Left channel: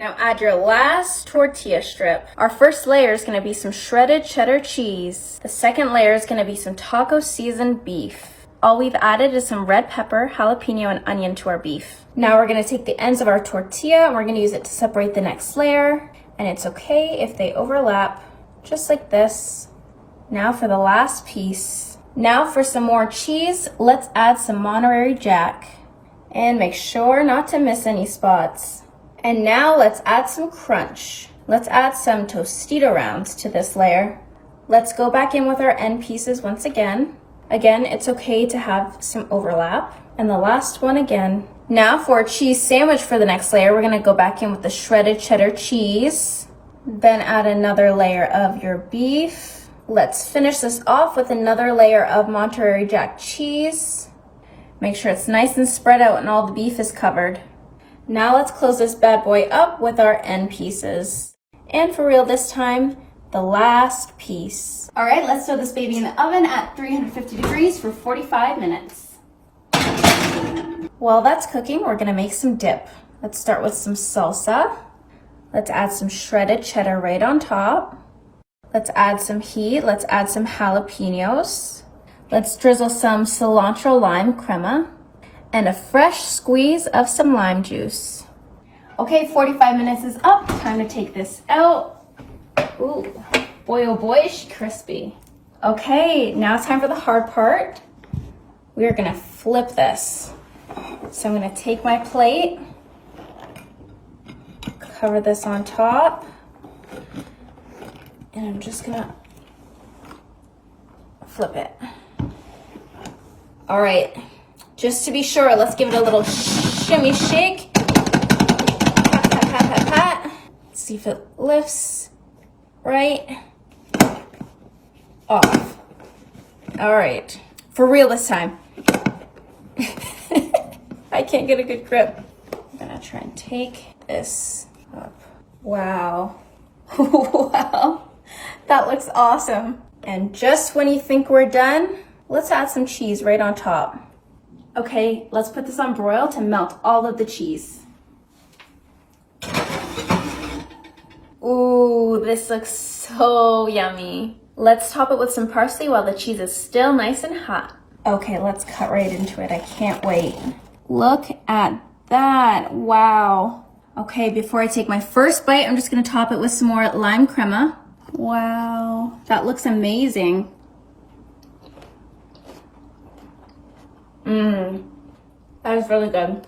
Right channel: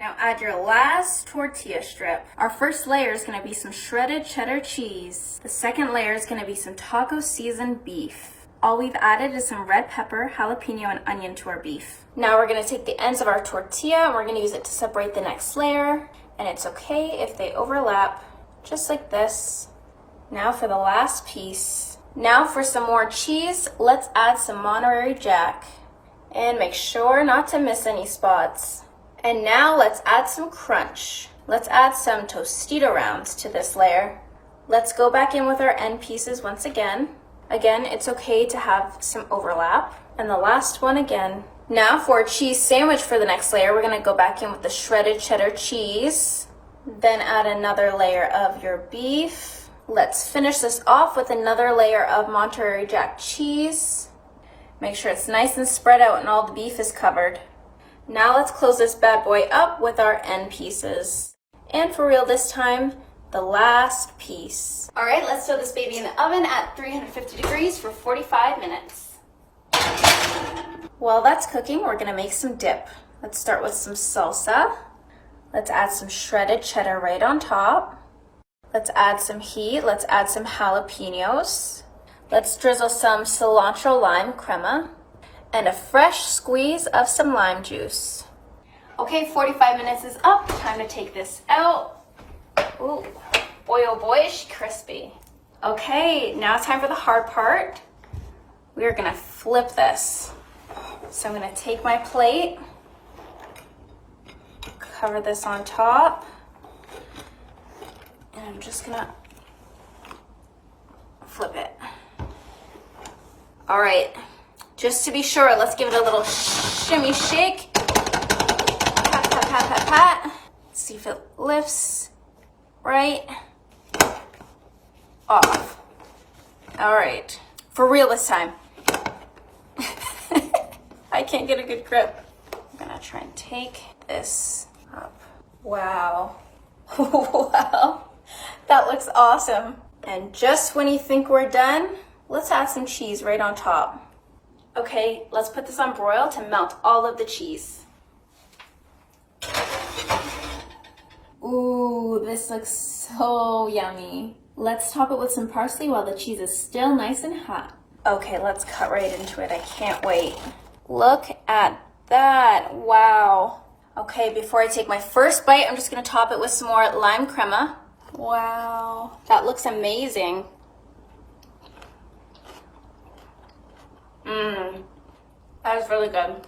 Now add your last tortilla strip. Our first layer is gonna be some shredded cheddar cheese. The second layer is gonna be some taco seasoned beef. All we've added is some red pepper, jalapeno, and onion to our beef. Now we're gonna take the ends of our tortilla and we're gonna use it to separate the next layer. And it's okay if they overlap, just like this. Now for the last piece. Now for some more cheese, let's add some Monterey Jack. And make sure not to miss any spots. And now let's add some crunch. Let's add some Tostito rounds to this layer. Let's go back in with our end pieces once again. Again, it's okay to have some overlap. And the last one again. Now for a cheese sandwich for the next layer, we're gonna go back in with the shredded cheddar cheese. Then add another layer of your beef. Let's finish this off with another layer of Monterey Jack cheese. Make sure it's nice and spread out and all the beef is covered. Now let's close this bad boy up with our end pieces. And for real this time, the last piece. All right, let's throw this baby in the oven at 350 degrees for 45 minutes. While that's cooking, we're gonna make some dip. Let's start with some salsa. Let's add some shredded cheddar right on top. Let's add some heat. Let's add some jalapenos. Let's drizzle some cilantro lime crema and a fresh squeeze of some lime juice. Okay, 45 minutes is up. Time to take this out. Ooh, boy oh boy, is she crispy. Okay, now it's time for the hard part. We are gonna flip this. So I'm gonna take my plate, cover this on top, and I'm just gonna flip it. All right, just to be sure, let's give it a little shimmy shake. Pat, pat, pat, pat, pat. See if it lifts right off. All right, for real this time. I can't get a good grip. I'm gonna try and take this up. Wow. Wow, that looks awesome. And just when you think we're done, let's add some cheese right on top. Okay, let's put this on broil to melt all of the cheese. Ooh, this looks so yummy. Let's top it with some parsley while the cheese is still nice and hot. Okay, let's cut right into it. I can't wait. Look at that, wow. Okay, before I take my first bite, I'm just gonna top it with some more lime crema. Wow, that looks amazing. That is really good.